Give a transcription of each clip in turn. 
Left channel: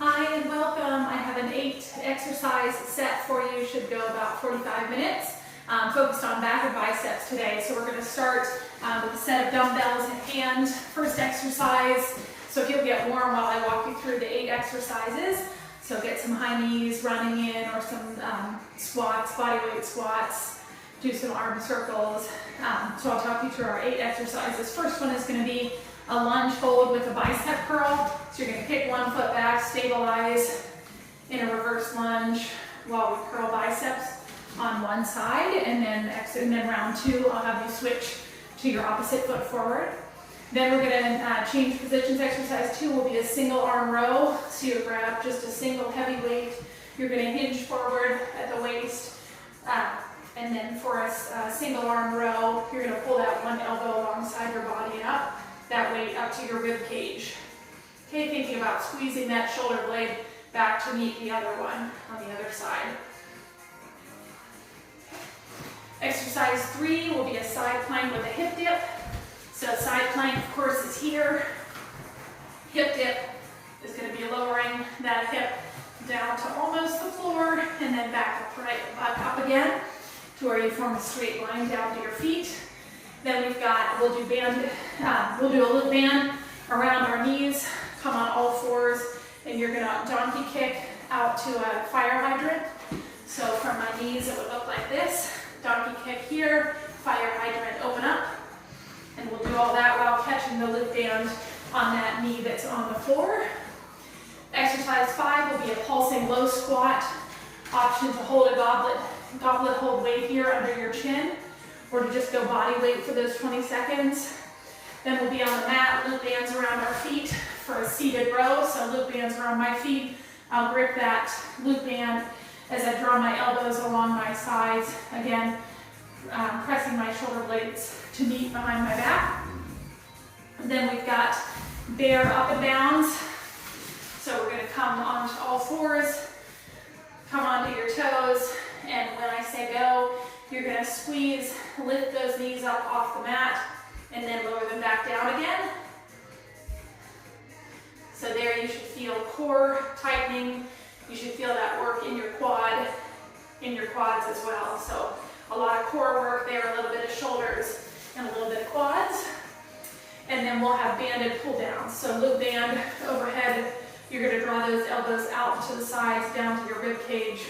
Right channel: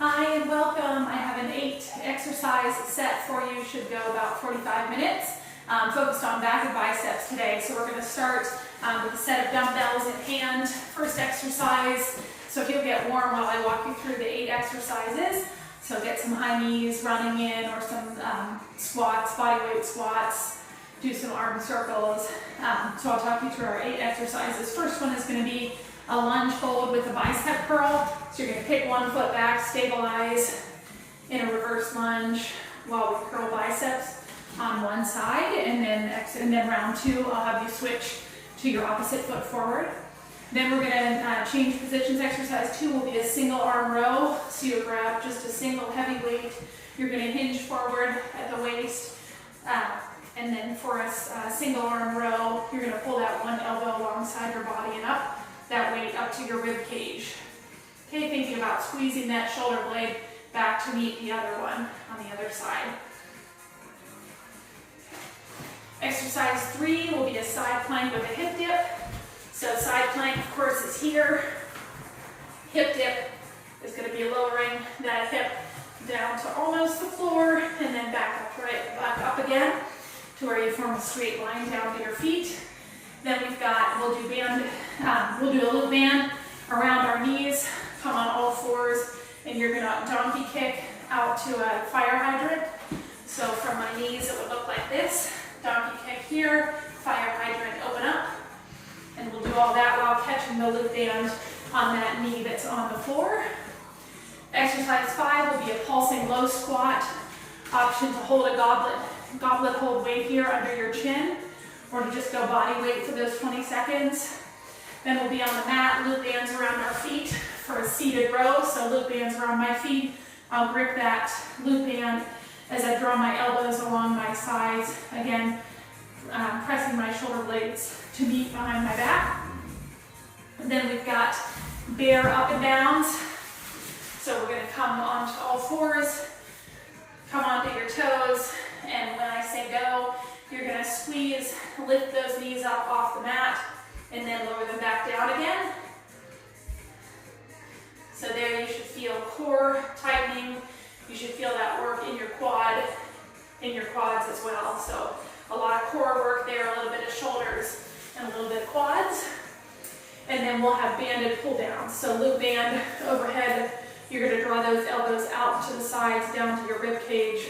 Hi and welcome. I have an 8 exercise set for you. Should go about 45 minutes. Focused on back and biceps today. So we're going to start with a set of dumbbells in hand. First exercise. So if you'll get warm while I walk you through the 8 exercises. So get some high knees running in or some squats, body weight squats. Do some arm circles. So I'll talk you through our 8 exercises. First one is going to be a lunge hold with a bicep curl. So you're going to kick one foot back, stabilize in a reverse lunge while we curl biceps on one side, and then round 2 I'll have you switch to your opposite foot forward. Then we're going to change positions. Exercise 2 will be a single arm row. So you grab just a single heavy weight. You're going to hinge forward at the waist, and then for a single arm row, you're going to pull that one elbow alongside your body and up that weight up to your rib cage. Okay, thinking about squeezing that shoulder blade back to meet the other one on the other side. Exercise 3 will be a side plank with a hip dip. So side plank, of course, is here. Hip dip is going to be lowering that hip down to almost the floor and then back up again to where you form a straight line down to your feet. Then we'll do a loop band around our knees, come on all fours, and you're going to donkey kick out to a fire hydrant. So from my knees it would look like this. Donkey kick here, fire hydrant, open up. And we'll do all that while catching the loop band on that knee that's on the floor. Exercise 5 will be a pulsing low squat. Option to hold a goblet hold weight here under your chin, or to just go body weight for those 20 seconds. Then we'll be on the mat, loop bands around our feet for a seated row. So loop bands around my feet. I'll grip that loop band as I draw my elbows along my sides. Again, pressing my shoulder blades to meet behind my back. Then we've got bear up and downs. So we're going to come onto all fours, come onto your toes, and when I say go, you're going to squeeze, lift those knees up off the mat, and then lower them back down again. So there you should feel core tightening. You should feel that work in your quads as well. So a lot of core work there, a little bit of shoulders, and a little bit of quads. And then we'll have banded pull downs. So loop band overhead. You're going to draw those elbows out to the sides, down to your rib cage,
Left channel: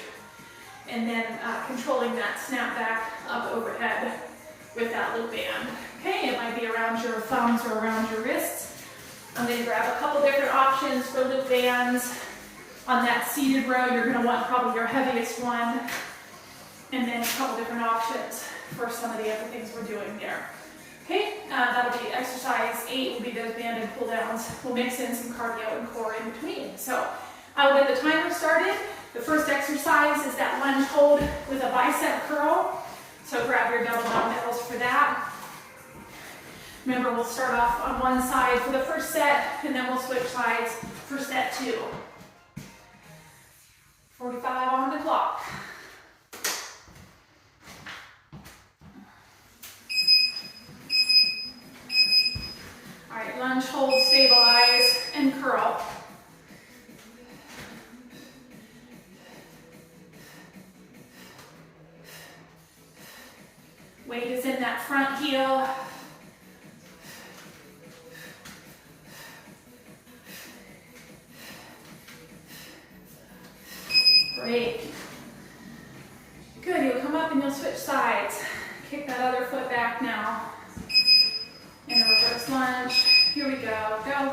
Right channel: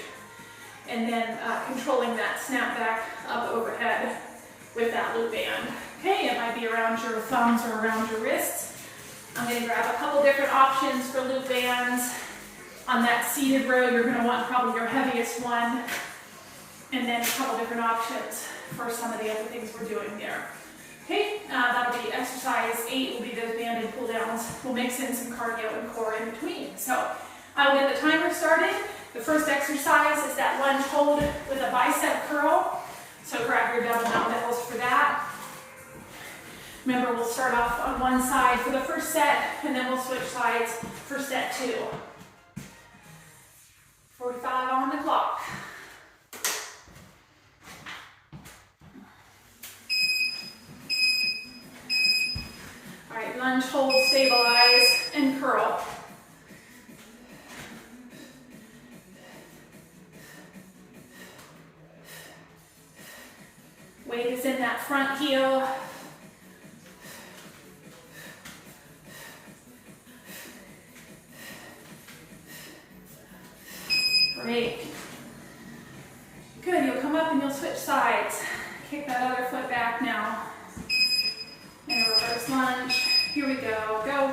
and then controlling that snap back up overhead with that loop band. Okay, it might be around your thumbs or around your wrists. I'm going to grab a couple different options for loop bands. On that seated row, you're going to want probably your heaviest one, and then a couple different options for some of the other things we're doing there. Okay, that'll be exercise 8 will be those banded pull downs. We'll mix in some cardio and core in between. So I will get the timer started. The first exercise is that lunge hold with a bicep curl. So grab your double dumbbells for that. Remember, we'll start off on one side for the first set, and then we'll switch sides for set 2. 45 on the clock. All right, lunge hold, stabilize, and curl. Weight is in that front heel. Great. Good, you'll come up and you'll switch sides. Kick that other foot back now. In a reverse lunge. Here we go. Go.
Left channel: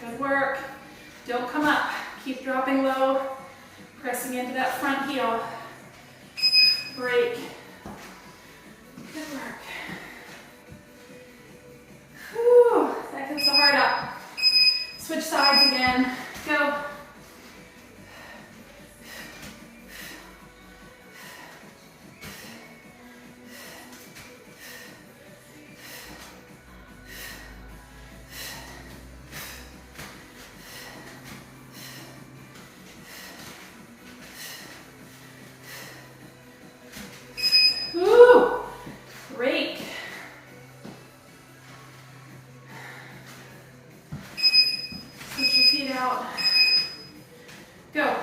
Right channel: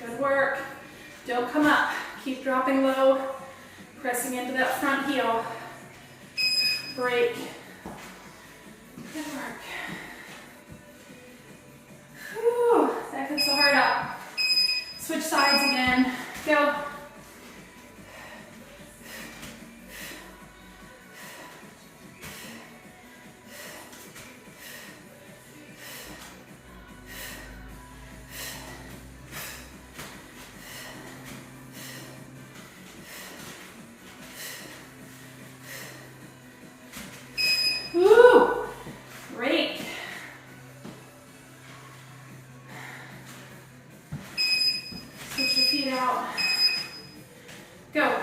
Good work. Don't come up. Keep dropping low, pressing into that front heel. Break. Good work. Whew, that gets the heart up. Switch sides again. Go. Go.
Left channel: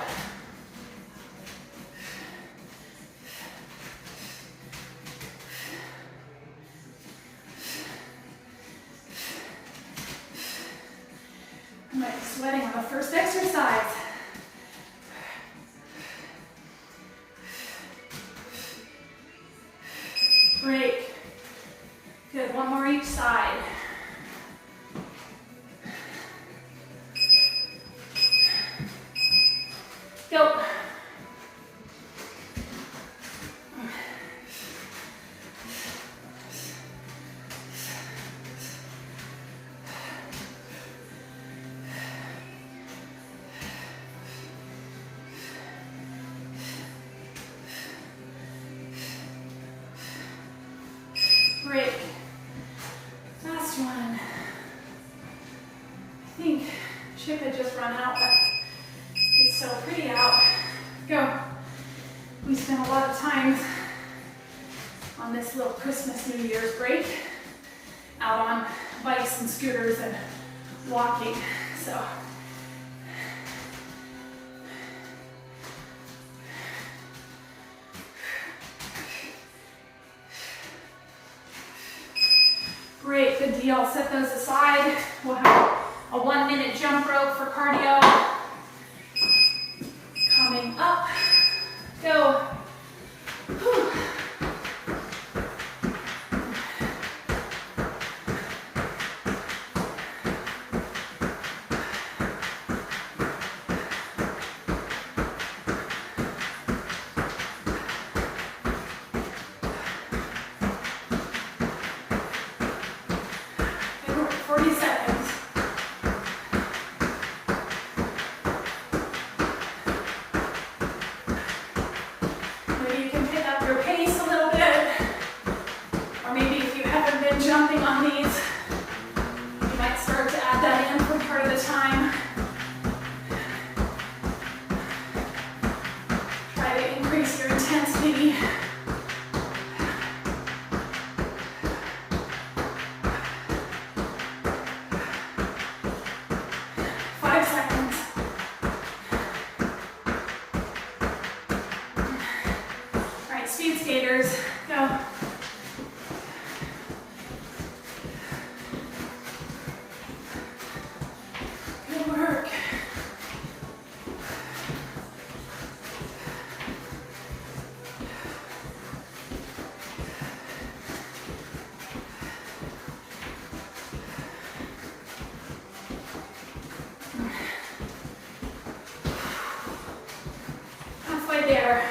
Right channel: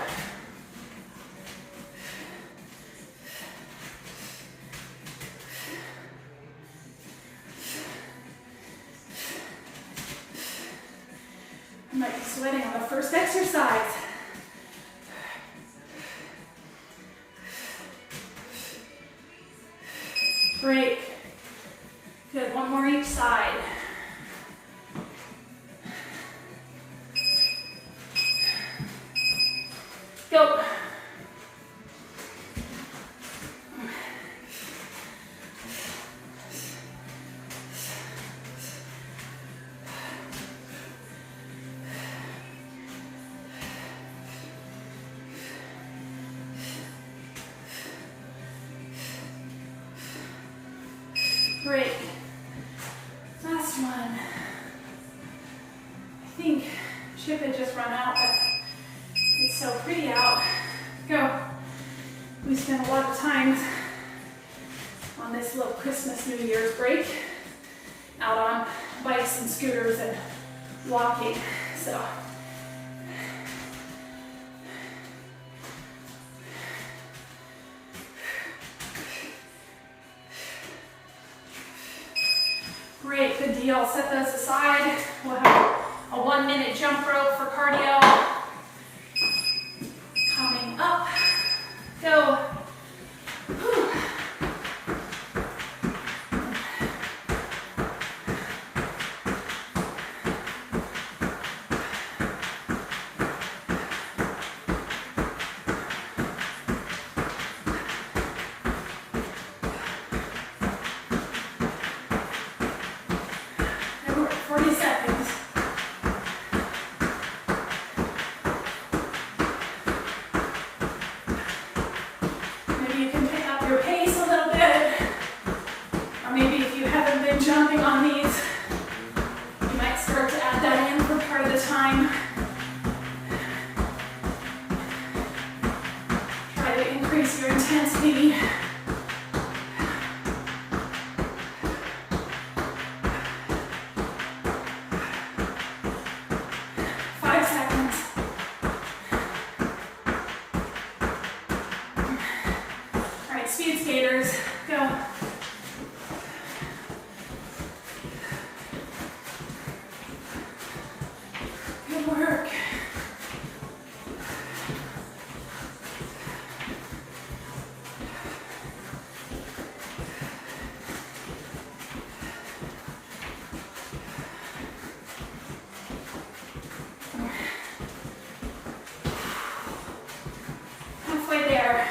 I might be sweating on the first exercise. Break. Good, one more each side. Go. Break. Last one. I think Chip had just run out, but it's so pretty out. Go. We spent a lot of time on this little Christmas, New Year's break out on bikes and scooters and walking, so. Great, good deal. Set those aside. We'll have a 1-minute jump rope for cardio. Coming up. Go. Whew. Good work. 40 seconds. Maybe you can pick up your pace a little bit, or maybe if you haven't been jumping on these, you might start to add that in for part of the time. Try to increase your intensity. Speed skaters, go. Good work. Halfway there.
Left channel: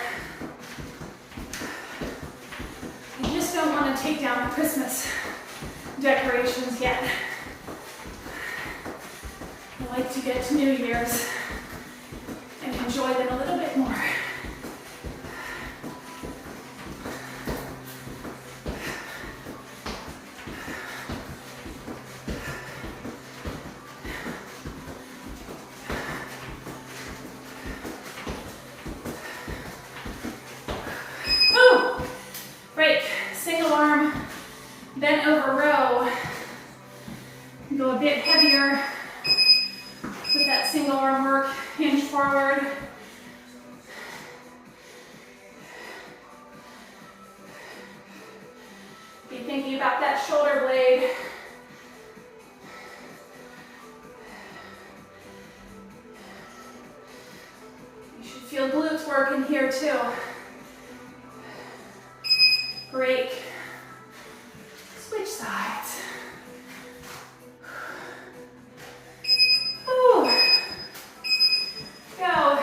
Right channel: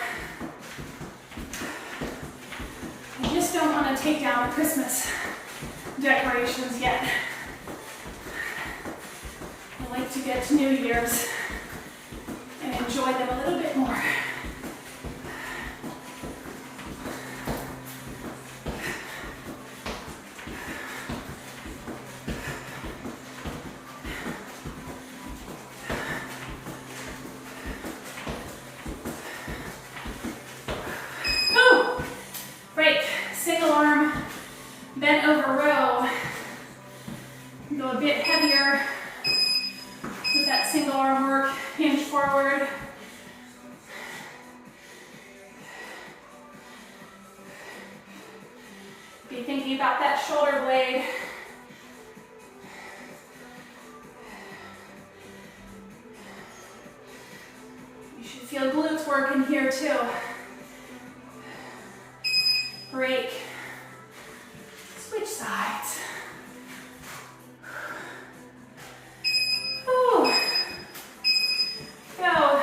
Don't want to take down Christmas decorations yet. I like to get to New Year's and enjoy them a little bit more. Ooh, break. Single arm, bent over row. Go a bit heavier with that single arm work. Hinge forward. Be thinking about that shoulder blade. You should feel glutes working here too. Break. Switch sides. Ooh. Go.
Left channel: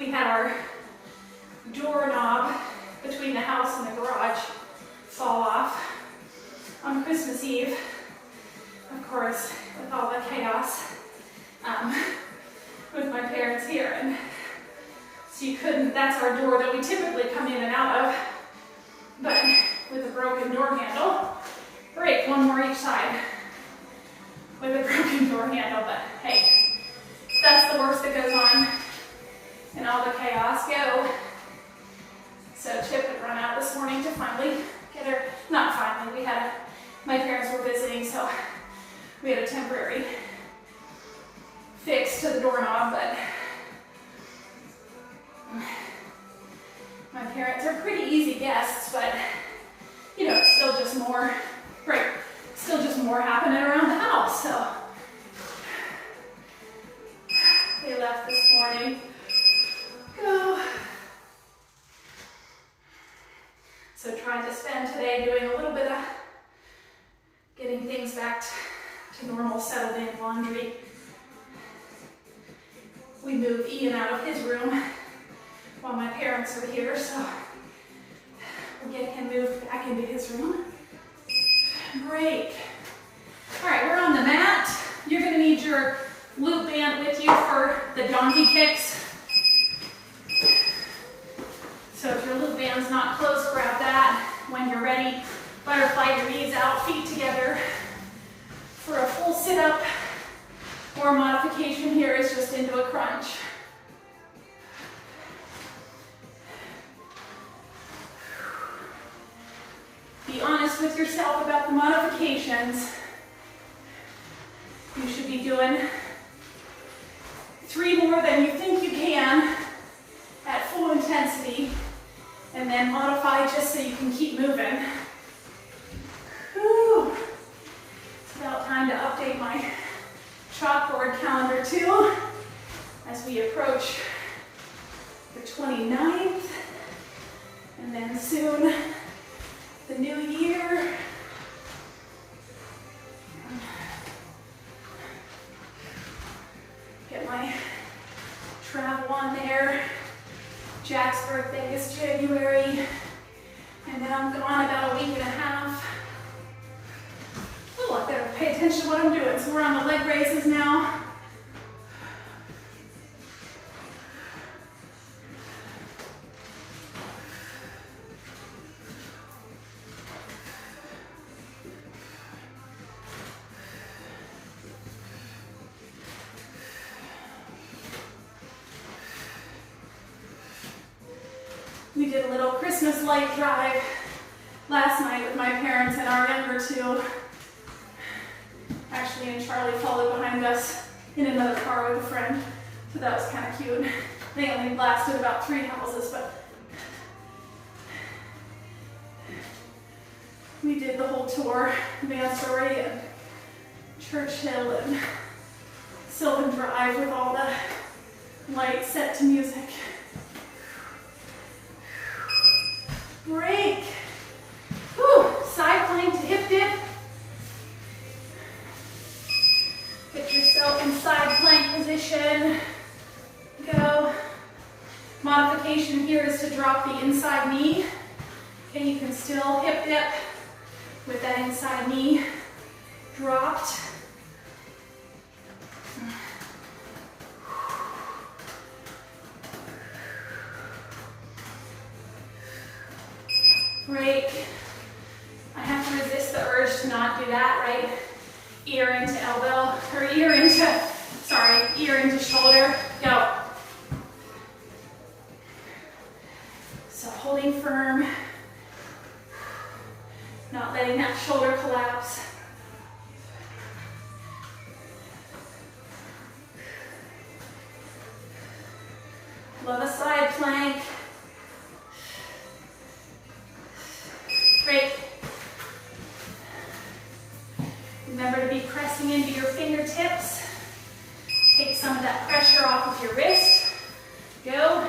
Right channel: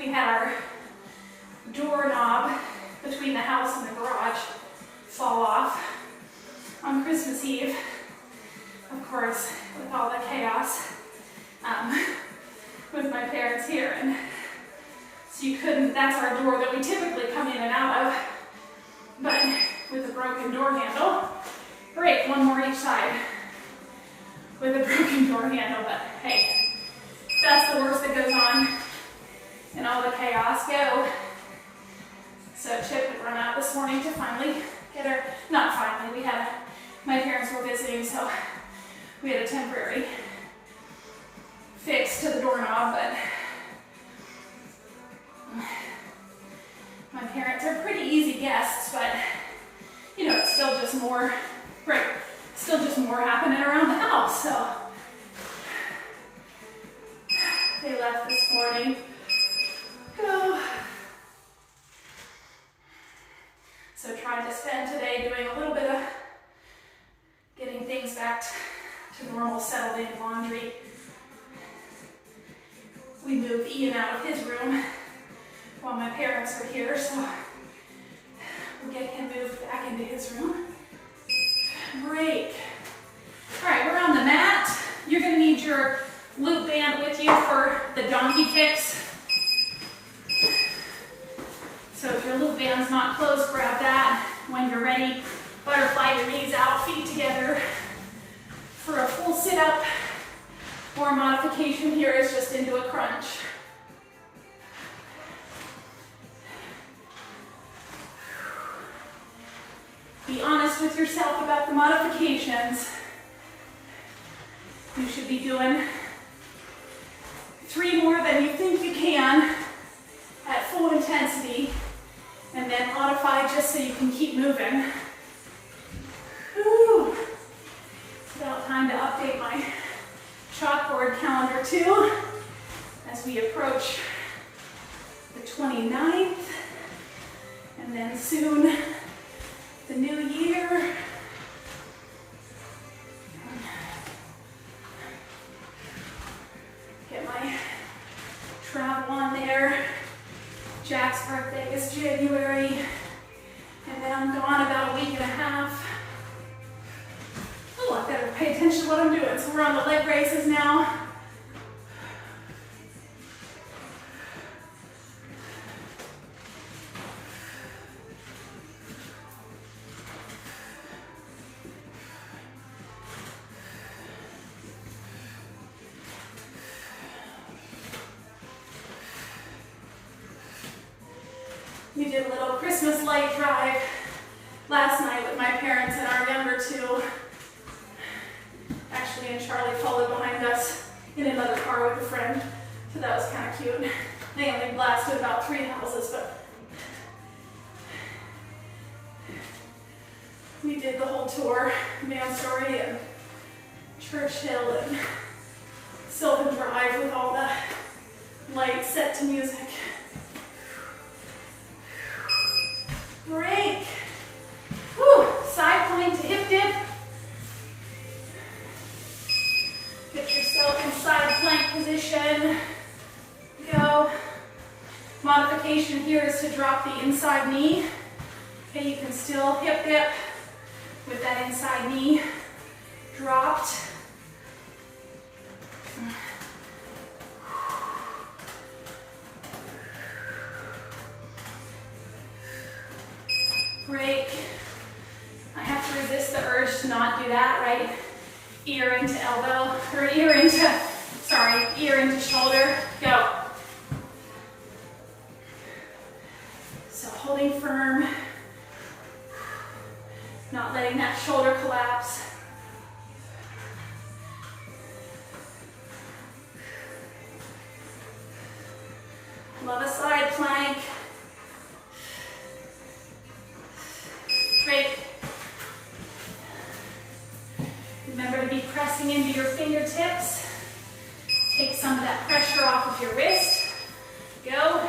we had our doorknob between the house and the garage fall off on Christmas Eve, of course, with all the chaos with my parents here. And so you couldn't, that's our door that we typically come in and out of, but with a broken door handle. Break one more each side with a broken door handle, but hey, that's the worst that goes on in all the chaos. Go. So Chip had run out this morning to finally get her, not finally, my parents were visiting, so we had a temporary fix to the doorknob, but my parents are pretty easy guests, but you know, it's still just more, right, still just more happening around the house, so they left this morning. Go. So trying to spend today doing a little bit of getting things back to normal, settled in laundry. We moved Ian out of his room while my parents were here, so we'll get him moved back into his room. Break. All right, we're on the mat. You're gonna need your loop band with you for the donkey kicks. So if your loop band's not close, grab that. When you're ready, butterfly your knees out, feet together for a full sit-up, or modification here is just into a crunch. Be honest with yourself about the modifications. You should be doing 3 more than you think you can at full intensity, and then modify just so you can keep moving. Whew. It's about time to update my chalkboard calendar too, as we approach the 29th, and then soon the new year. Get my travel on there. Jack's birthday is January, and then I'm gone about a week and a half. Oh, I better pay attention to what I'm doing. So we're on the leg raises now. We did a little Christmas light drive last night with my parents and our younger 2. Ashley and Charlie followed behind us in another car with a friend, so that was kind of cute. They only blasted about 3 houses, but we did the whole tour, Mansory and Churchill and Sylvan Drive with all the lights set to music. Break. Whew. Side plank to hip dip. Get yourself in side plank position. Go. Modification here is to drop the inside knee. Okay, you can still hip dip with that inside knee dropped. Break. I have to resist the urge to not do that, right? Ear into elbow, or ear into shoulder. Go. So holding firm, not letting that shoulder collapse. Love a side plank. Great. Remember to be pressing into your fingertips. Take some of that pressure off of your wrist. Go.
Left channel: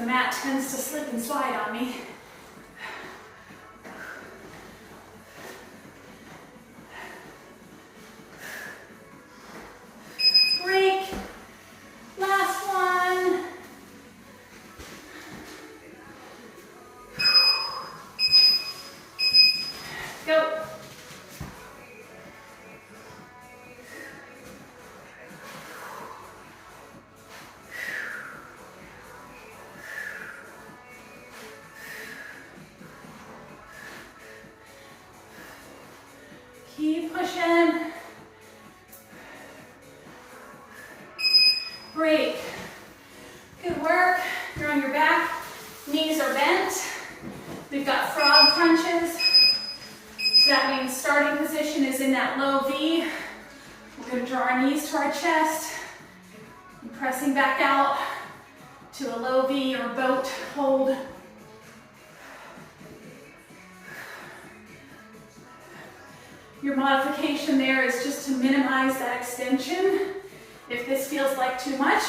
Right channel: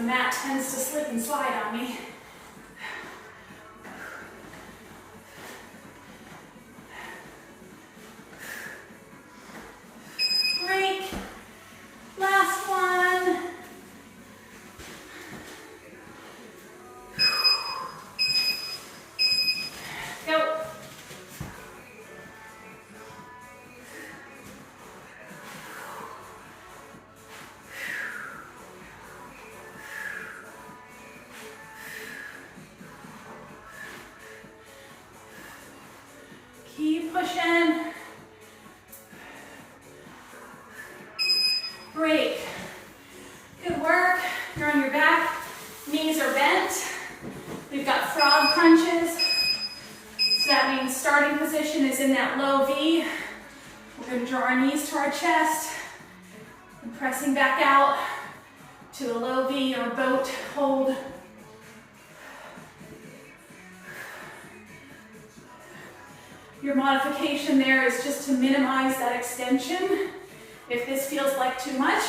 the mat tends to slip and slide on me. Break. Last one. Go. Keep pushing. Break. Good work. You're on your back. Knees are bent. We've got frog crunches. So that means starting position is in that low V. We're going to draw our knees to our chest and pressing back out to a low V or boat hold. Your modification there is just to minimize that extension. If this feels like too much,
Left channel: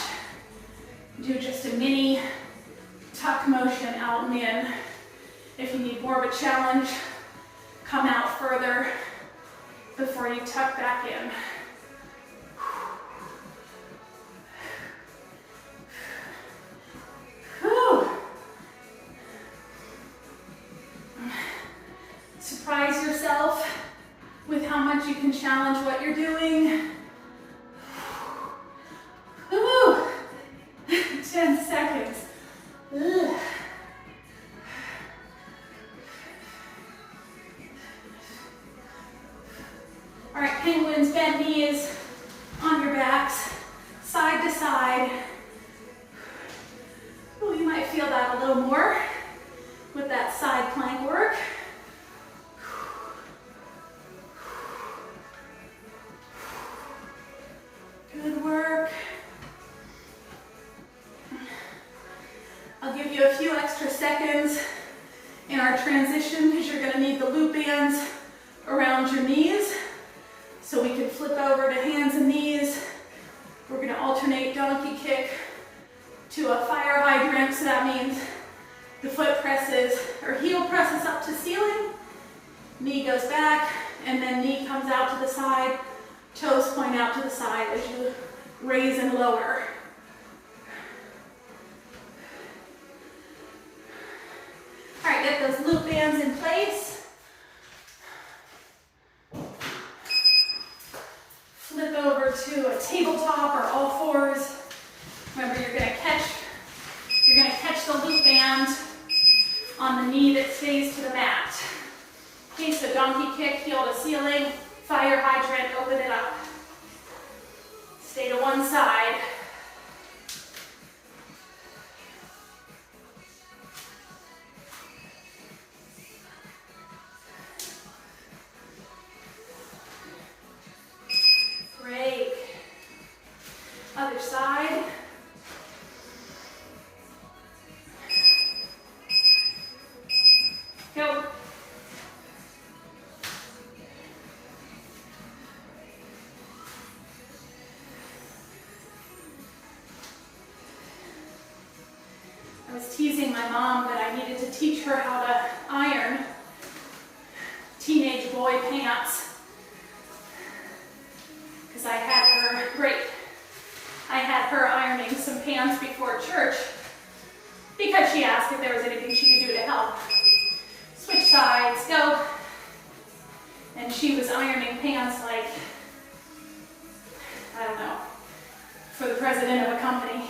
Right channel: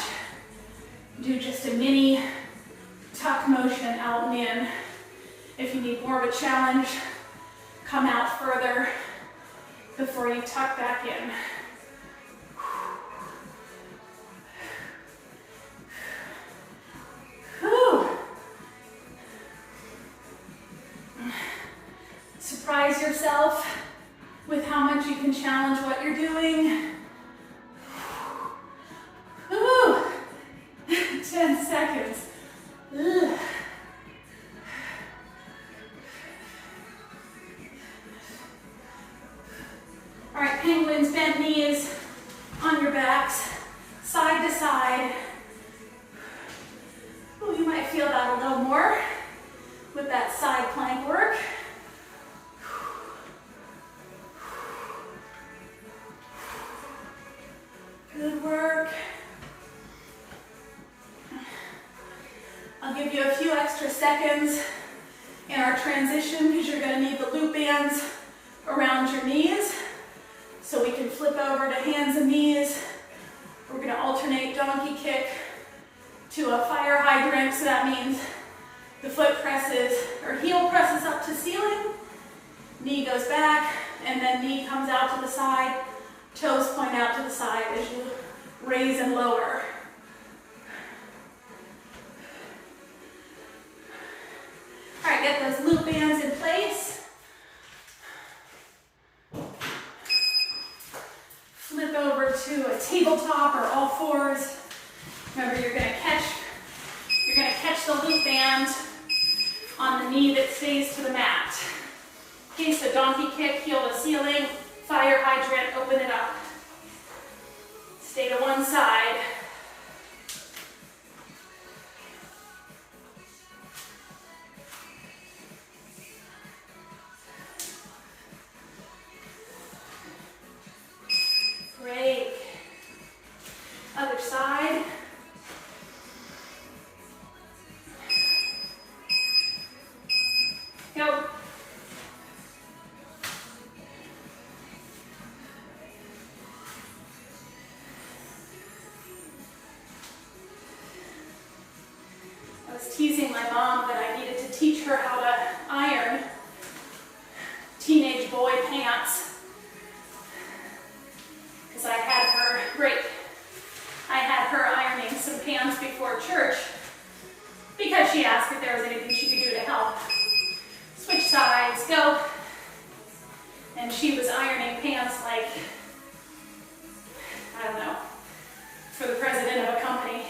do just a mini tuck motion out and in. If you need more of a challenge, come out further before you tuck back in. Whew. Surprise yourself with how much you can challenge what you're doing. Woo! 10 seconds. Ugh. All right, penguins, bent knees on your backs, side to side. Ooh, you might feel that a little more with that side plank work. Good work. I'll give you a few extra seconds in our transition because you're going to need the loop bands around your knees. So we can flip over to hands and knees. We're going to alternate donkey kick to a fire hydrant. So that means the foot presses or heel presses up to ceiling, knee goes back, and then knee comes out to the side, toes point out to the side as you raise and lower. All right, get those loop bands in place. Flip over to a tabletop or all fours. Remember, you're gonna catch the loop band on the knee that stays to the mat. Okay, so donkey kick, heel to ceiling, fire hydrant, open it up. Stay to one side. Break. Other side. Go. I was teasing my mom that I needed to teach her how to iron teenage boy pants. Because I had her ironing some pants before church because she asked if there was anything she could do to help. Switch sides, go. And she was ironing pants like, I don't know, for the president of a company.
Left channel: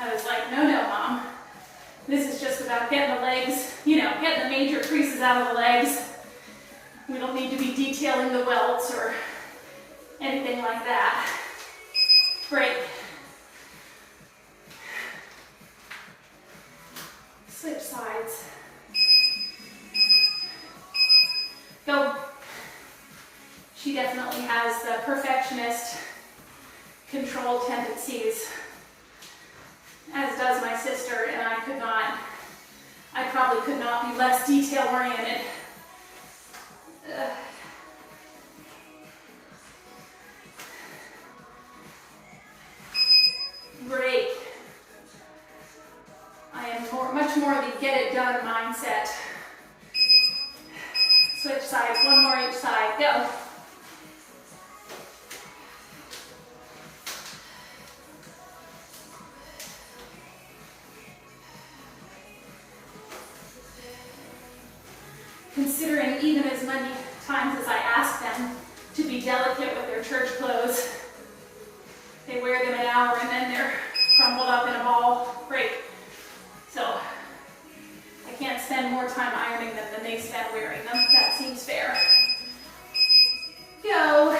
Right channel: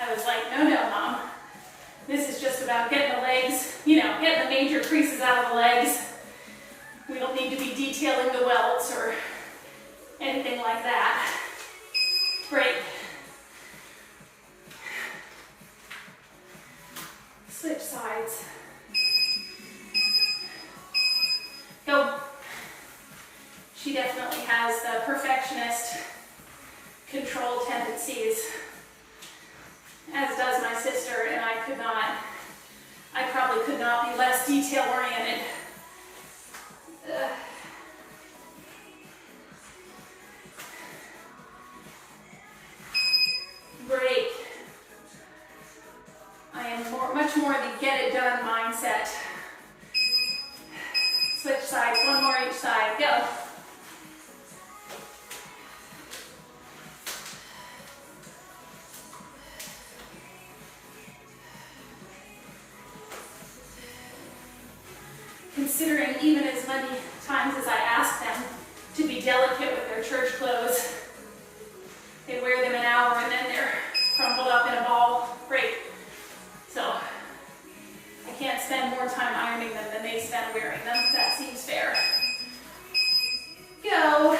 I was like, no, Mom. This is just about getting the legs, getting the major creases out of the legs. We don't need to be detailing the welts or anything like that. Break. Switch sides. Go. She definitely has the perfectionist control tendencies, as does my sister, and I probably could not be less detail oriented. Break. I much more the get it done mindset. Switch sides, one more each side, go. Considering even as many times as I ask them to be delicate with their church clothes, they wear them an hour and then they're crumpled up in a ball. Great. So I can't spend more time ironing them than they spend wearing them. That seems fair. Go.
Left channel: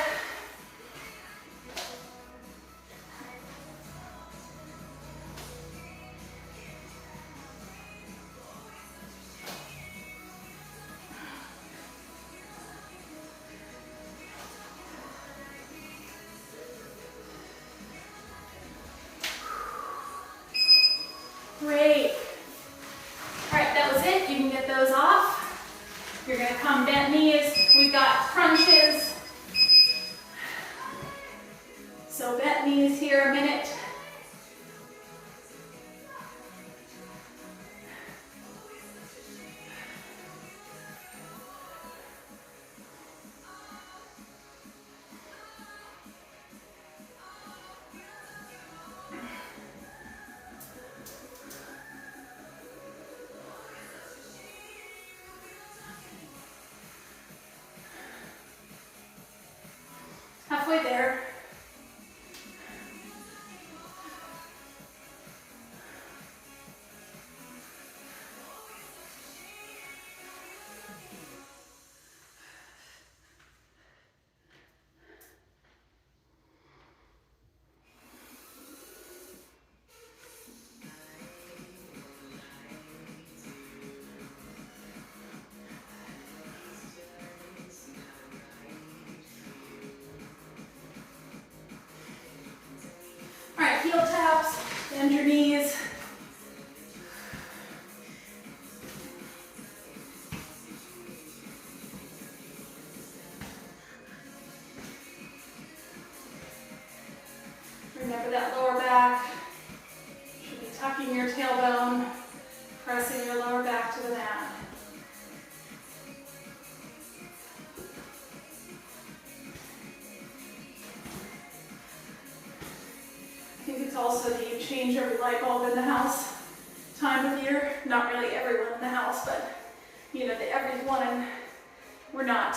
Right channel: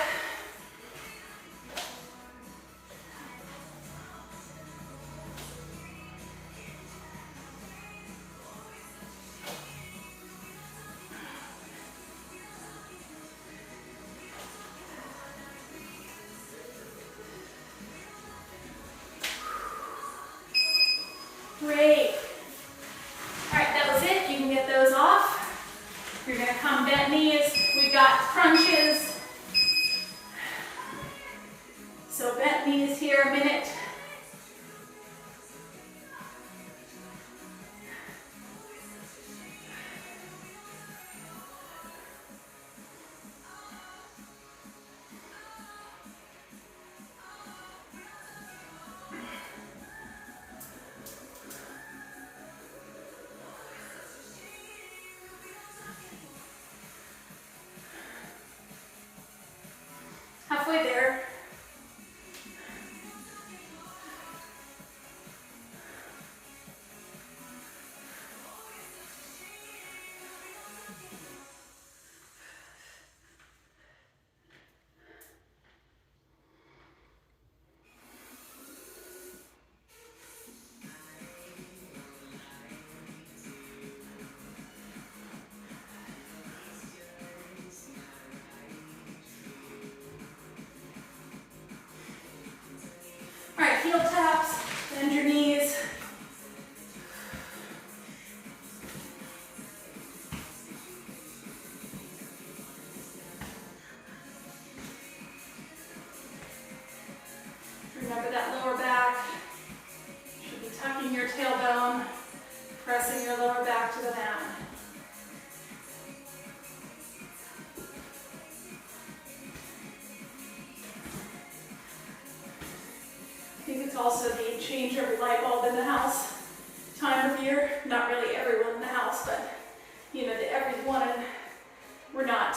Great. All right, that was it. You can get those off. You're going to come bent knees. We've got crunches. So bent knees here a minute. Halfway there. Heel taps, bend your knees. Remember that lower back. You should be tucking your tailbone, pressing your lower back to the mat. I think it's also the change every light bulb in the house time of year. Not really everyone in the house, but you know, the everyone, and we're not.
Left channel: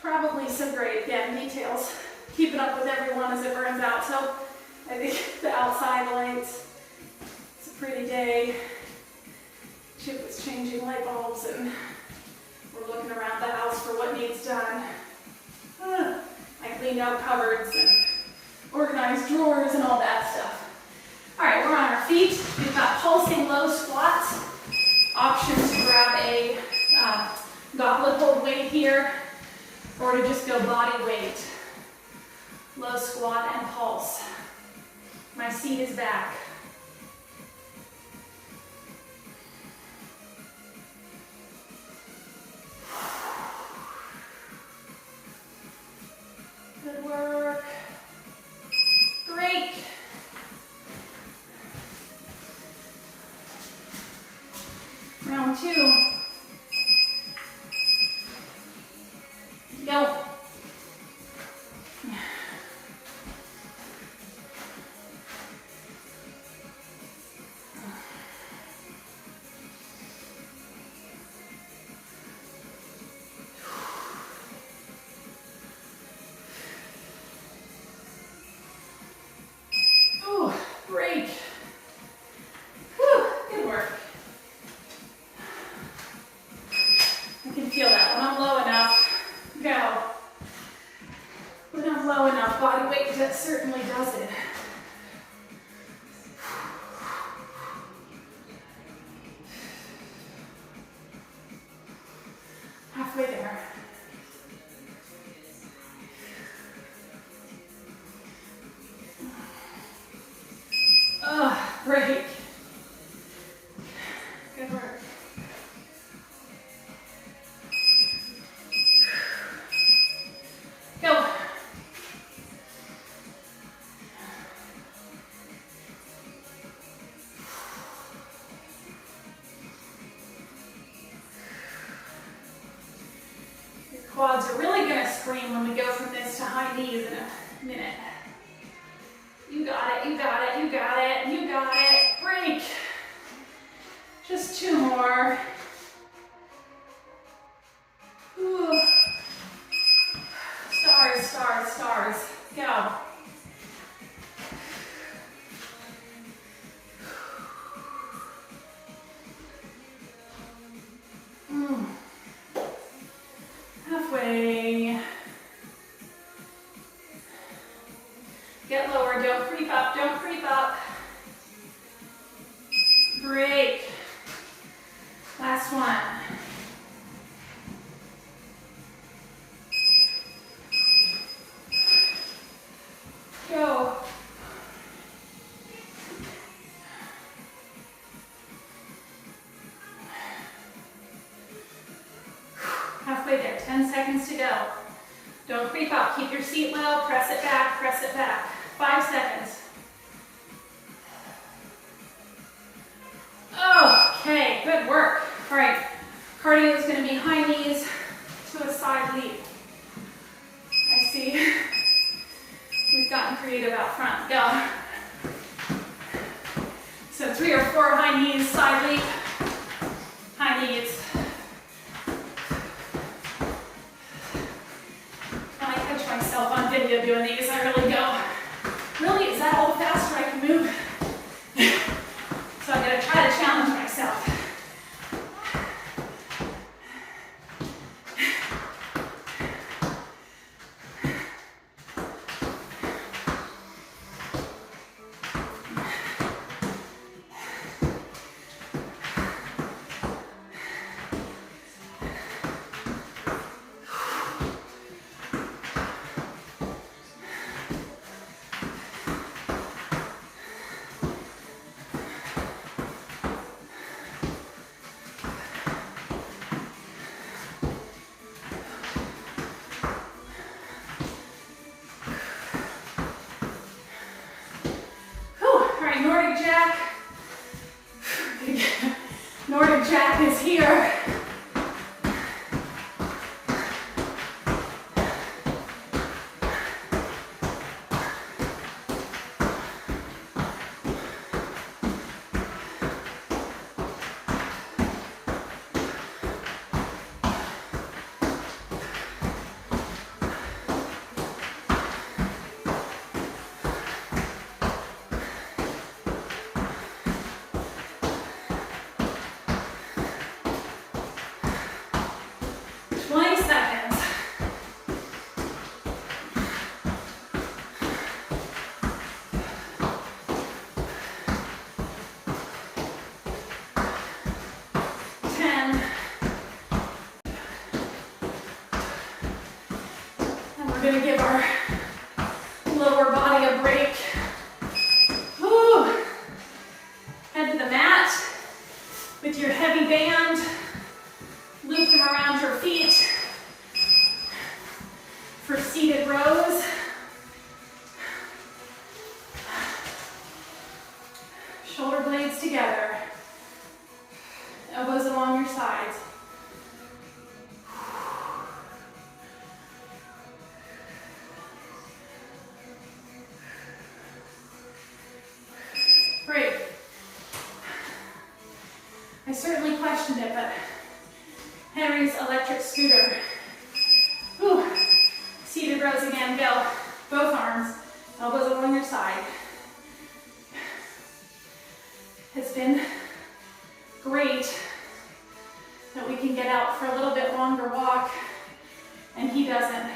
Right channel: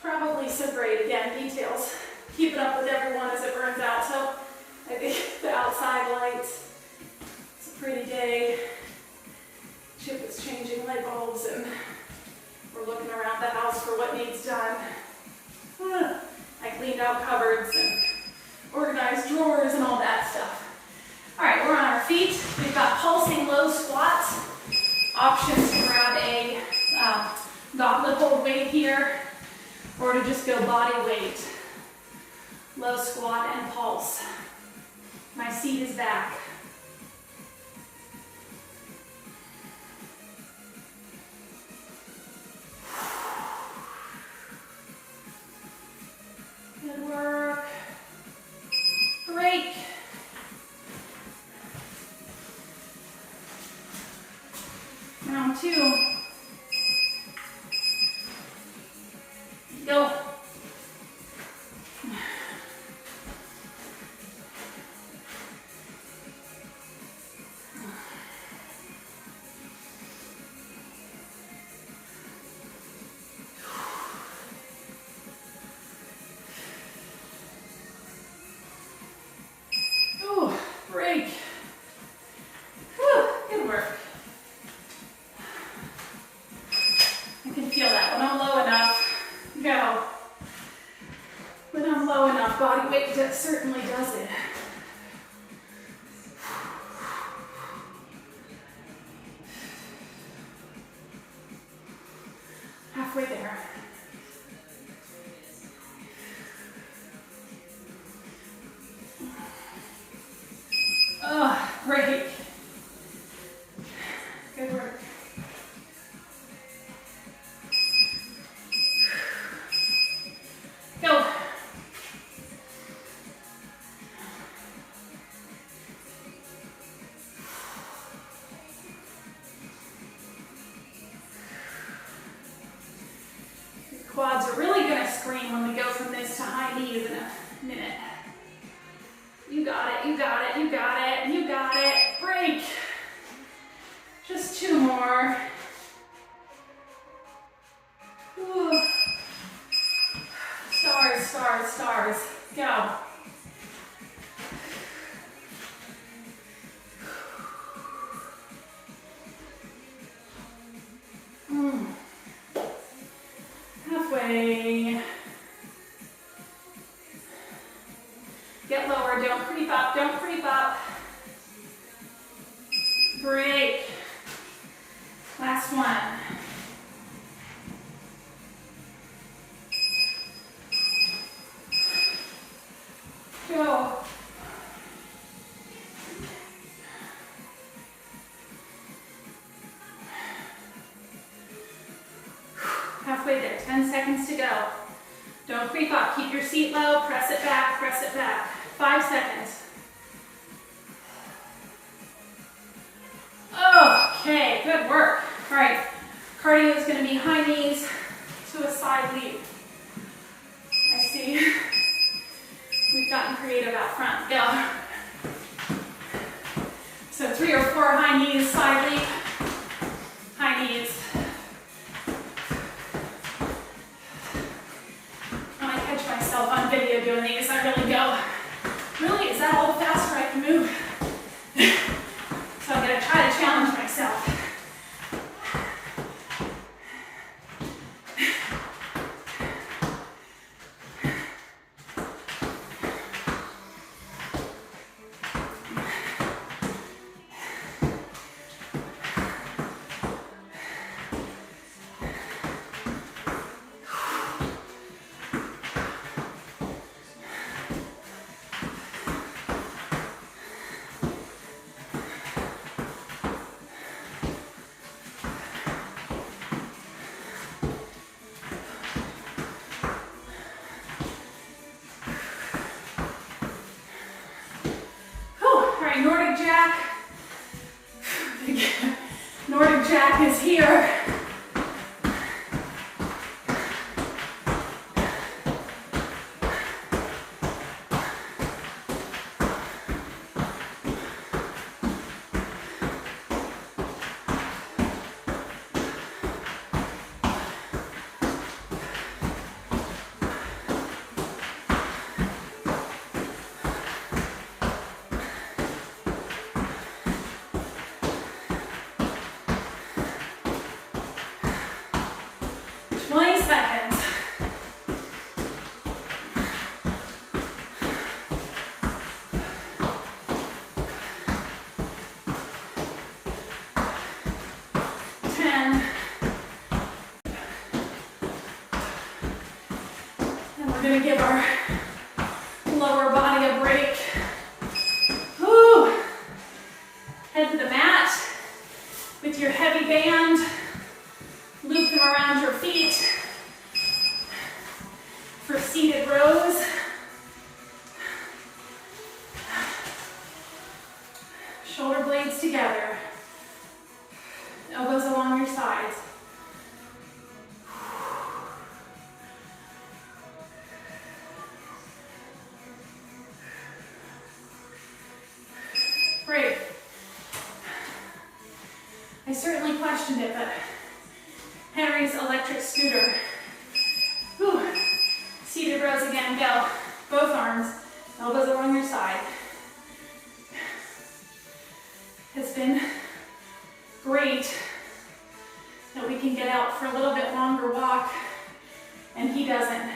Probably some great, again, details. Keeping up with everyone as it burns out. So I think the outside lights, it's a pretty day. Chip is changing light bulbs and we're looking around the house for what needs done. I cleaned out cupboards and organized drawers and all that stuff. All right, we're on our feet. We've got pulsing low squats. Options to grab a goblet hold weight here, or to just go body weight. Low squat and pulse. My seat is back. Good work. Break. Round 2. Go. Break. Whew, good work. You can feel that when I'm low enough. Go. When I'm low enough, body weight just certainly does it. Halfway there. Oh, break. Good work. Go. Quads are really gonna scream when we go from this to high knees in a minute. You got it, you got it, you got it, you got it. Break. Just 2 more. Ooh. Stars, stars, stars. Go. Halfway. Get lower, don't creep up, don't creep up. Break. Last one. Go. Halfway there, 10 seconds to go. Don't creep up, keep your seat low, press it back, press it back. 5 seconds. Okay, good work. All right, cardio is going to be high knees to a side leap. I see we've gotten creative out front. Go. So 3 or 4 high knees, side leap, high knees. I catch myself on video doing these. I really go, really, is that all the faster I can move? So I'm going to try to challenge myself. Nordic Jack. Nordic Jack is here. We're going to give our lower body a break. Woo. Head to the mat with your heavy band. Loop them around your feet for seated rows. Shoulder blades together. Elbows along your sides. Great. I certainly questioned it, but Henry's electric scooter. Whew. Seated rows again, go. Both arms, elbows along your side. It's been great that we can get out for a little bit longer walk and he doesn't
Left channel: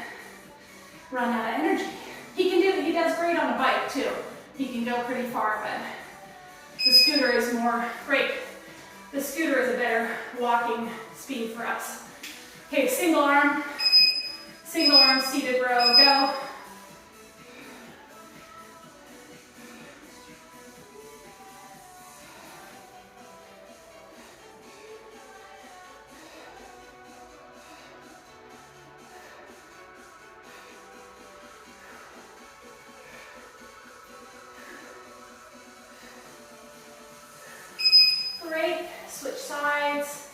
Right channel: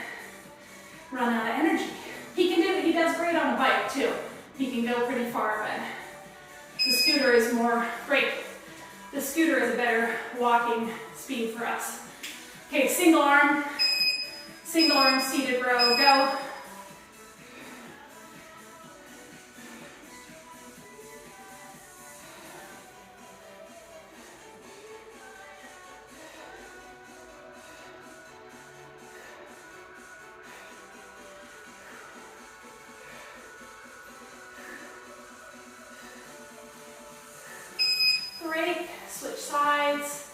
run out of energy. He does great on a bike too. He can go pretty far, but the scooter is more great. The scooter is a better walking speed for us. Okay, single arm, seated row, go. Break, switch sides.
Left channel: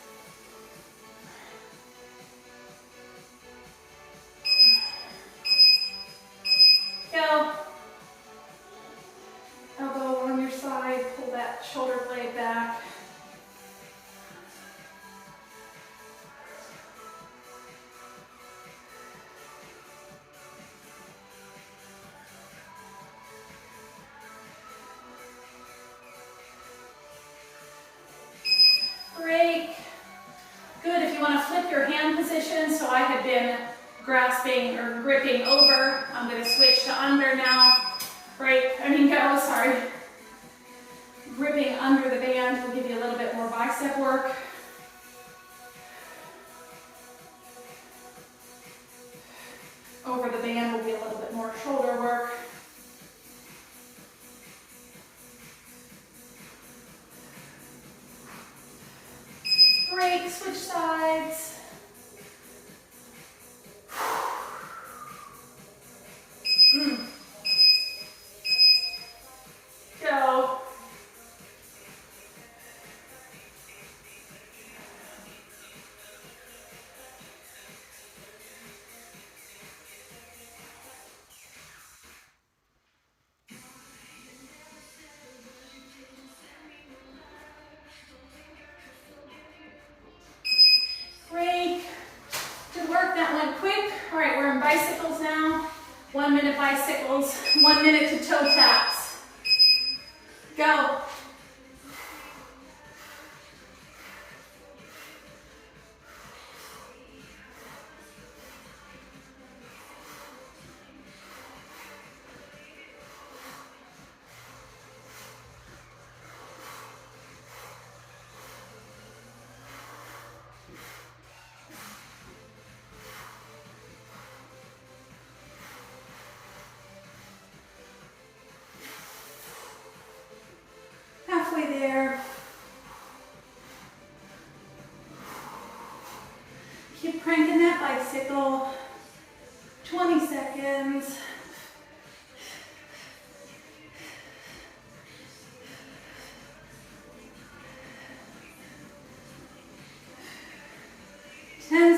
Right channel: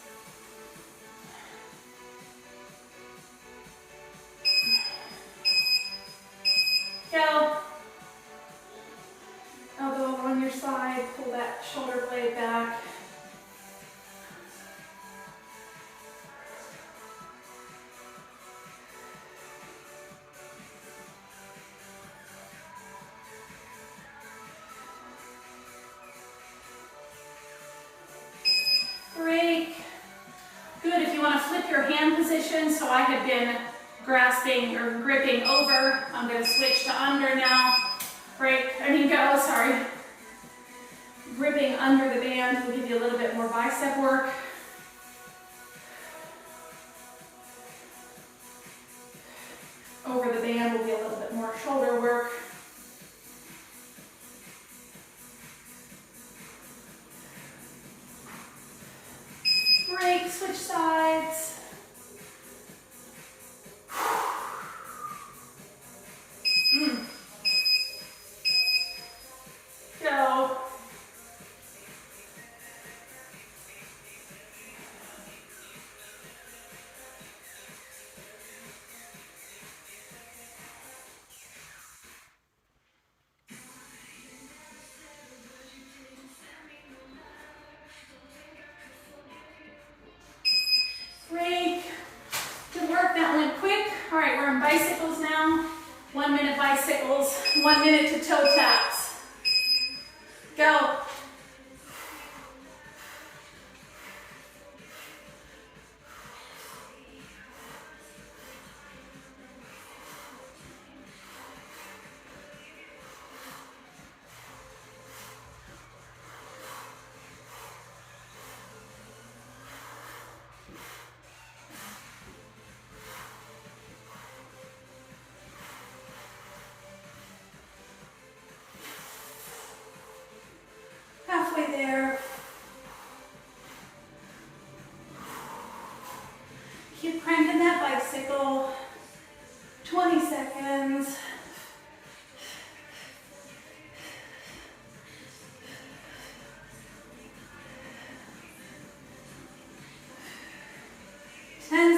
Good. If you want to flip your hand position, so I had been grasping or gripping over. I'm going to switch to under now. Sorry. Gripping under the band will give you a little bit more bicep work. Over the band will be a little bit more shoulder work. Break, switch sides. Go. Break. Good work, that went quick. All right, we're in bicycles now. 1 minute bicycles, 1 minute to toe taps. Go. Halfway there. Keep cranking that bicycle. 20 seconds.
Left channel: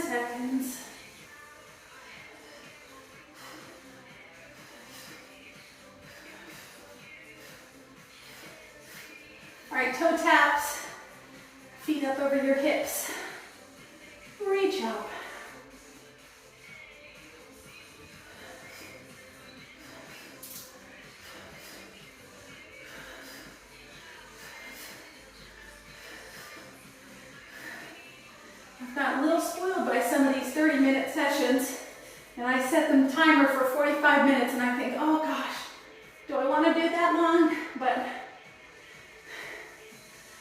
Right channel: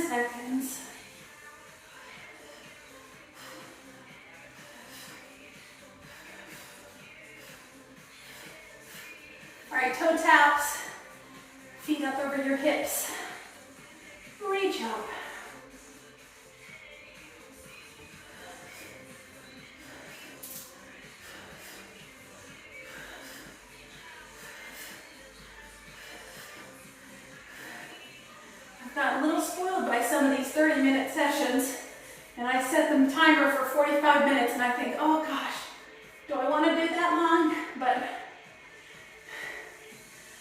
Seconds. All right, toe taps, feet up over your hips. Reach up. I've gotten a little spoiled by some of these 30-minute sessions, and I set the timer for 45 minutes, and I think, oh gosh, do I want to do that long? But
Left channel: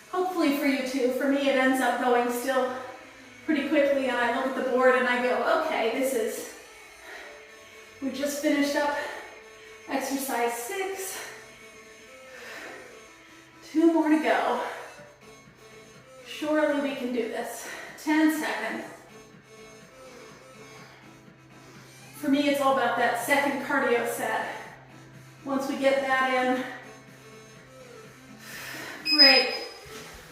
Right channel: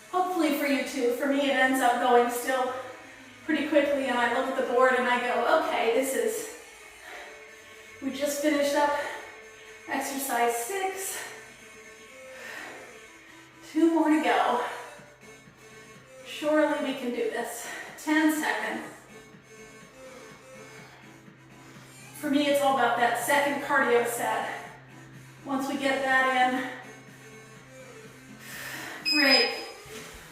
hopefully for you too. For me, it ends up going still pretty quickly, and I look at the board and I go, okay, we just finished up exercise 6. 2 more to go. Surely we can do this. 10 seconds. For me, it's all about that second cardio set. Once we get that in, great.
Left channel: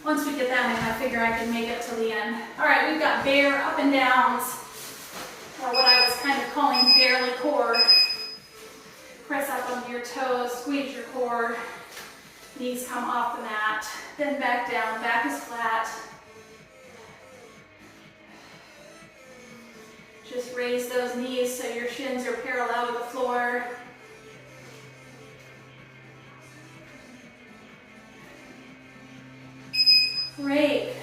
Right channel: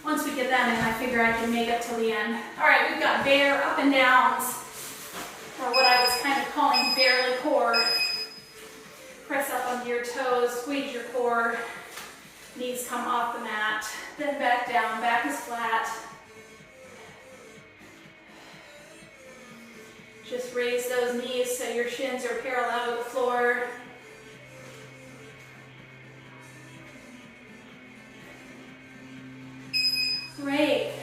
Once we get that in, I figure I can make it to the end. All right, we've got bear up and downs, or what I was kind of calling barely core. Press up onto your toes, squeeze your core, knees come off the mat, then back down, back is flat. Just raise those knees so your shins are parallel to the floor. Great.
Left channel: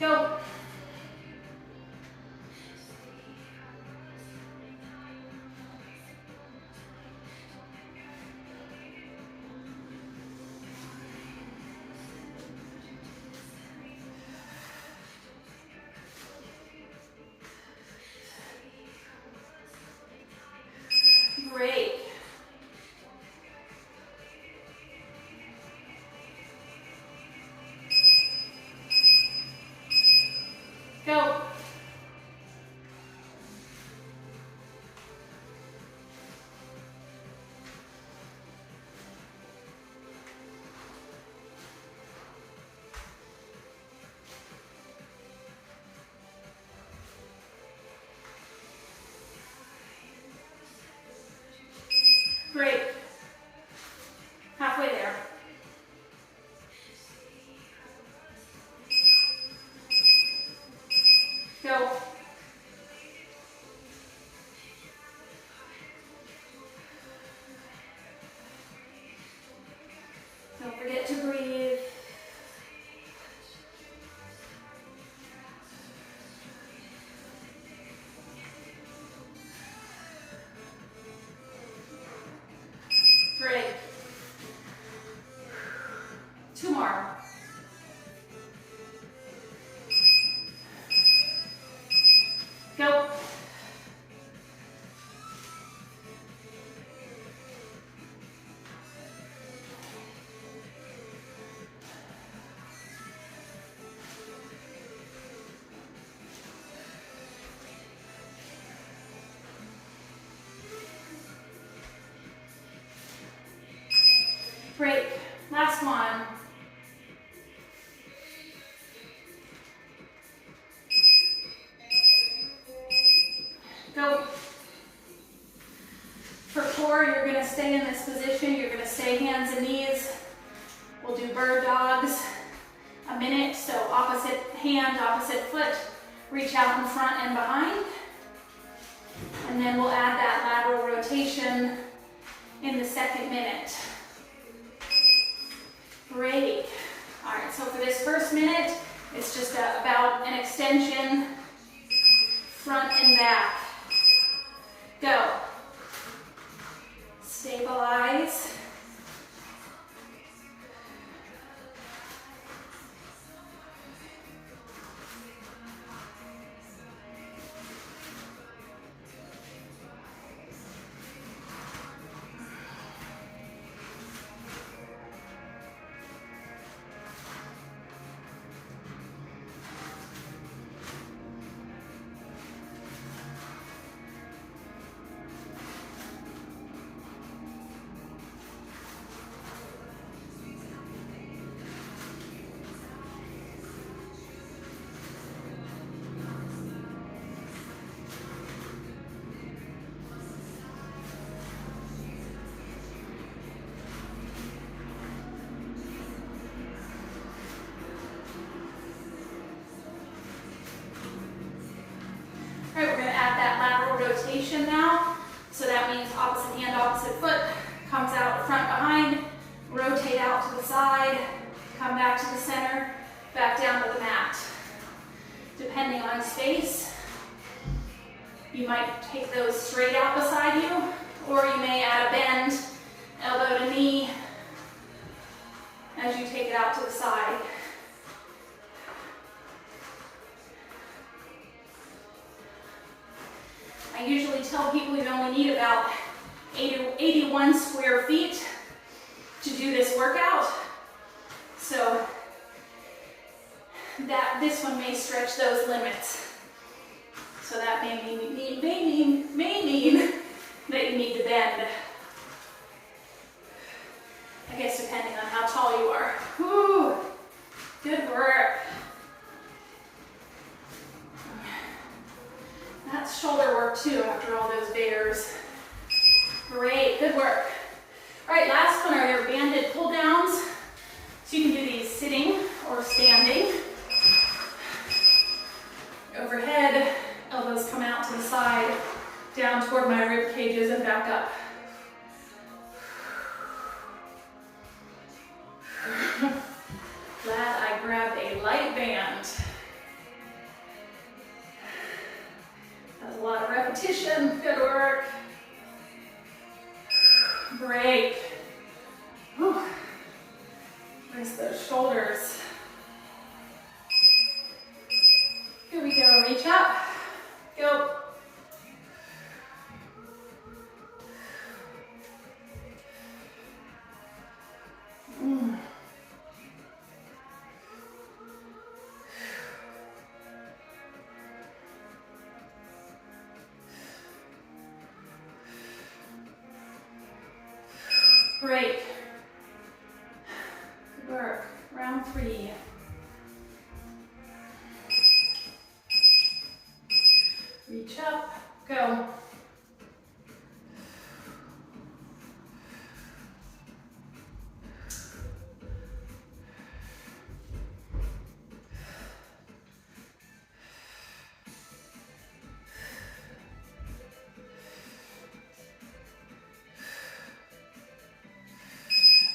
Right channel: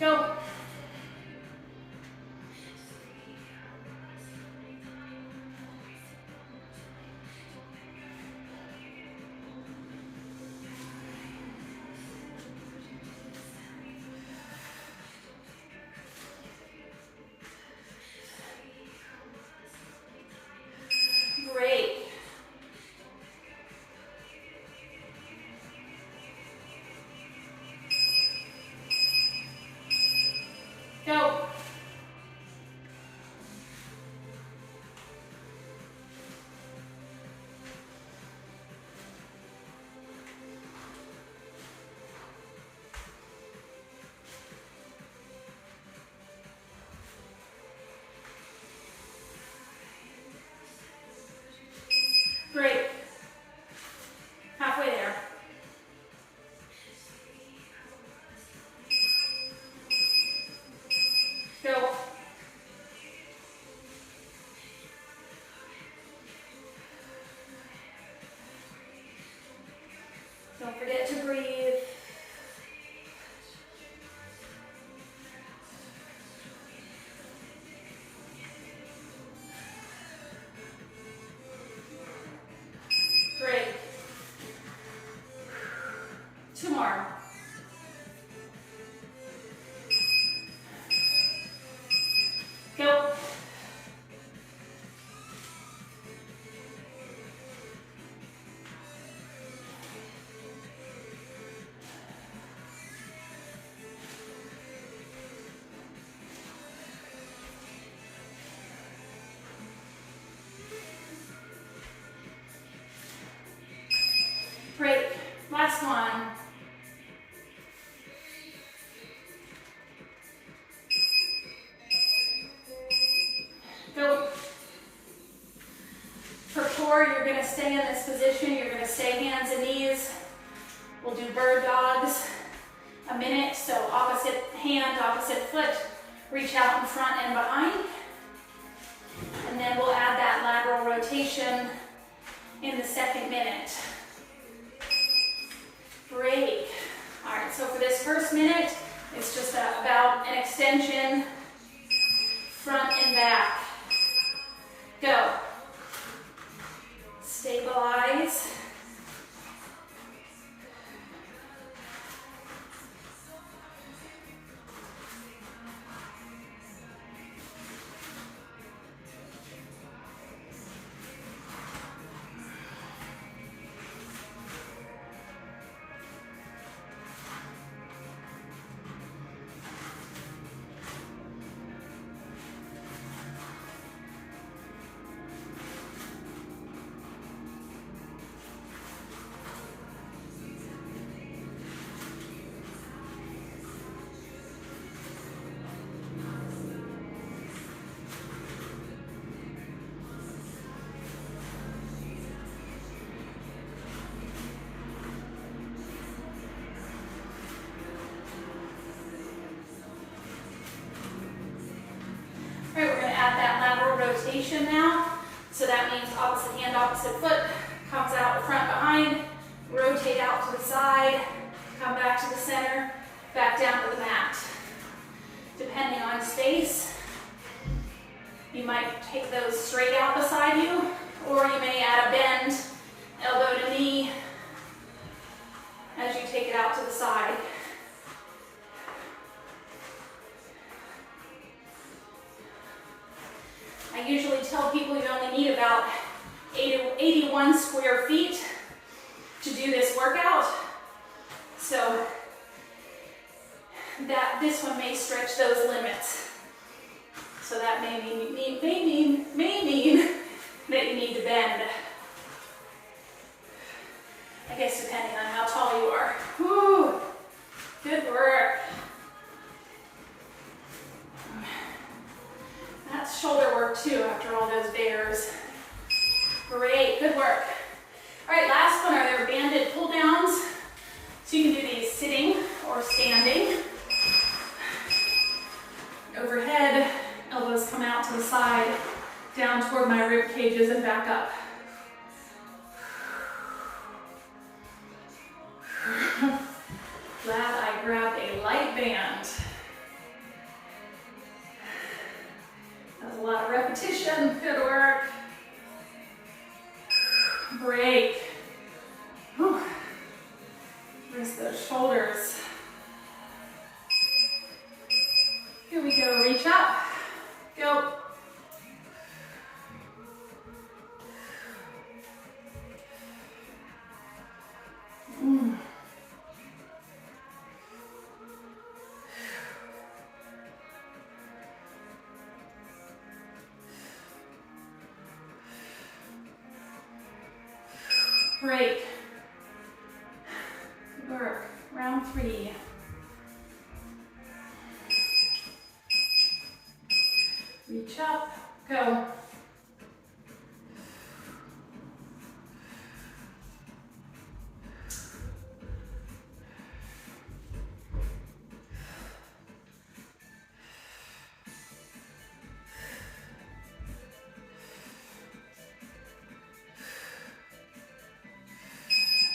Go. Great. Go. Great. Halfway there. Go. Don't forget to breathe. Great. 2 more. Go. Great. Last one. Go. For core, you're going to stay in this position. You're going to stay hands and knees. We'll do bird dogs a minute. So opposite hand, opposite foot. Reach out in front and behind. And then we'll add that lateral rotation in the second minute. Great. All right, so for this first minute, it's just about an extension, front and back. Go. Stabilize. All right, we're going to add that lateral rotation now. So that means opposite hand, opposite foot, comes out front, behind, rotate out to the side, come back to the center, back down to the mat. Depending on space, you might take those straight out beside you, or you may add a bend, elbow to knee, as you take it out to the side. I usually tell people you only need about 81 square feet to do this workout. So that this one may stretch those limits. So that may mean that you need to bend. I guess depending on how tall you are. Woo! Good work. That's shoulder work too after all those bears. Great, good work. All right, last one are their banded pull downs. So you can do these sitting or standing. Overhead, elbows come out to the side, down toward my rib cages and back up. Glad I grabbed a light band. That was a lot of repetition. Good work. Break. Whew. Rest those shoulders. Here we go. Reach up. Go. Break. Good work. Round 3. Reach up. Go.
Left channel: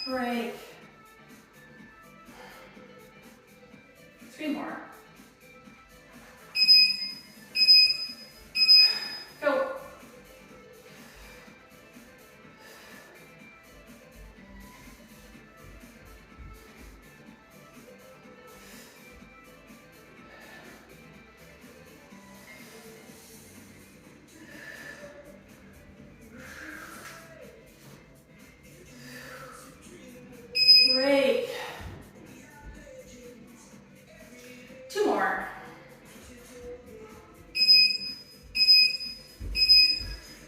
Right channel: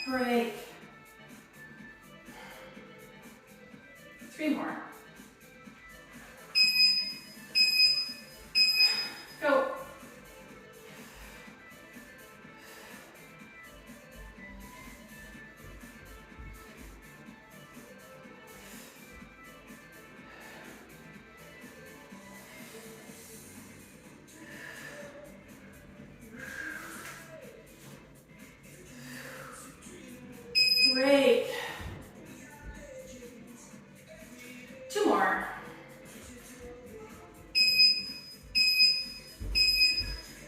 Break. Great. 2 more.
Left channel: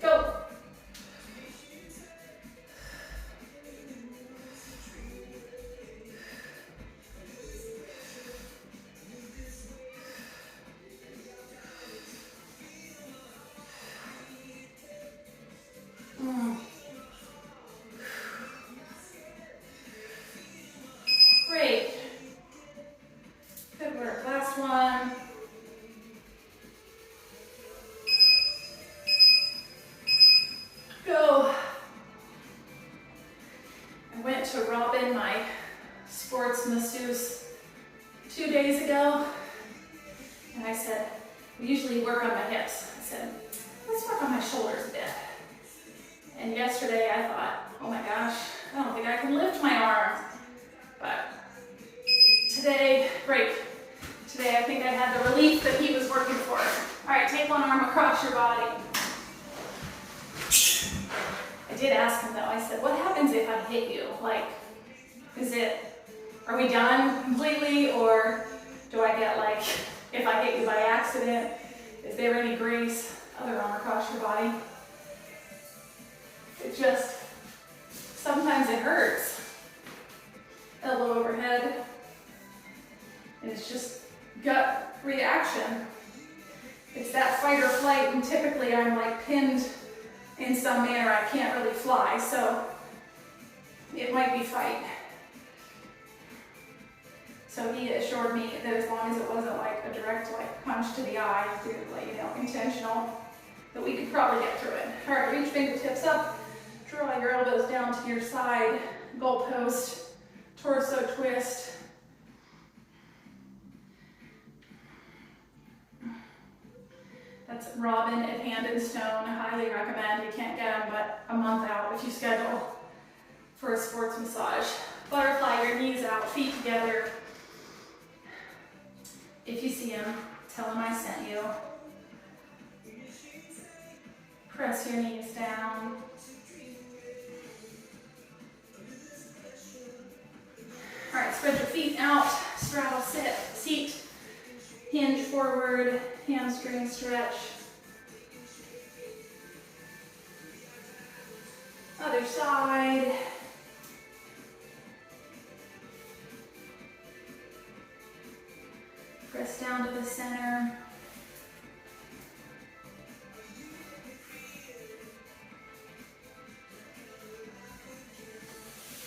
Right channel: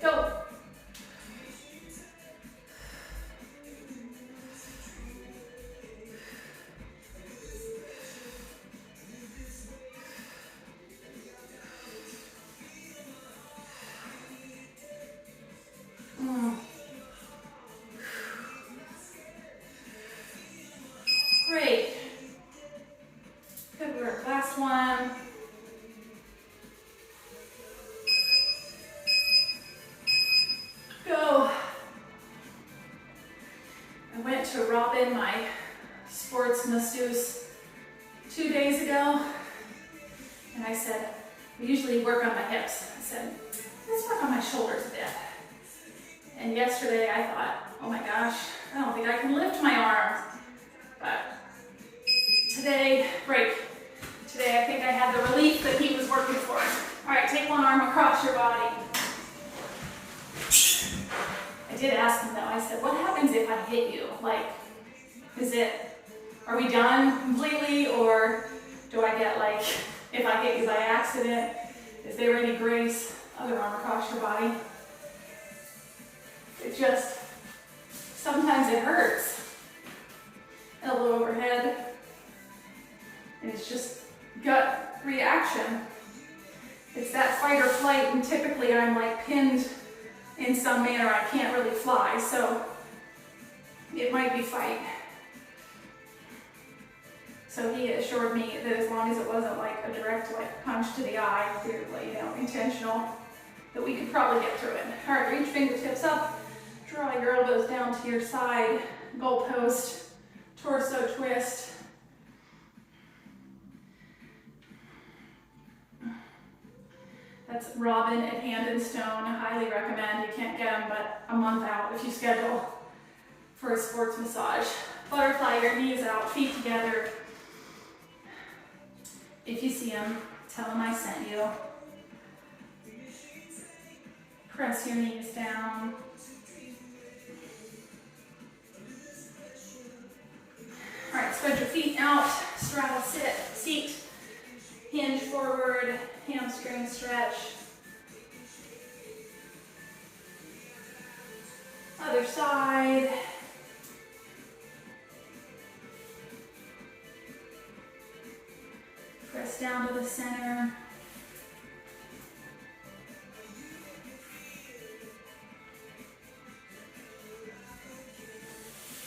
Go. Great. Good work. Last one. Go. I went to Robin, my sports masseuse, 2 days ago, and I said, we usually work on my hips. I said, let's work on my shoulders a bit. And yesterday I thought, oh my gosh, I don't think I can lift my arms. But today, great. Today I think I had the relief that he was working for. All right, take one arm across your body. I did ask him though, I said, what happens if I hit you? Like, are we done completely, or do I get like, if I hit you by accident, is there any grace? Other arm across your body. It just, sometimes it hurts. Elbow overhead. And it's just gut reaction. It's that fight or flight, and typically I'm like pinned in some manner. I can't really fly, so it might be fight. So he assured me that as long as it wasn't like a direct like punch to the eye, through like, intentional, that we could probably get through it. All right, reach fingertips up, draw your elbows down to your side, goalpost, torso twist. That's Robin at Hand and Stone. Highly recommend. You can't get them but a month out if you schedule for a sports massage. Butterfly your knees out, feet together. If you see him, tell him I sent you. Press your knees down. All right, spread your feet out, straddle sit, seat, hinge forward, hamstring stretch. Other side. Press down to the center.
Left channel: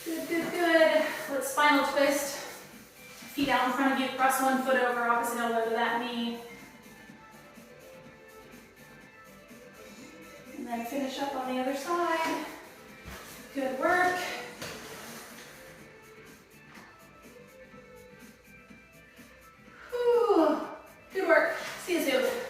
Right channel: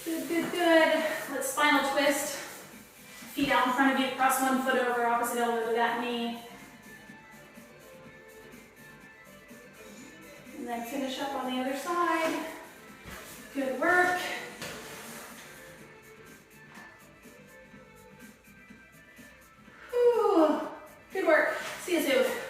Good, good, good. Let's spinal twist. Feet out in front of you, cross one foot over, opposite elbow to that knee. And then finish up on the other side. Good work.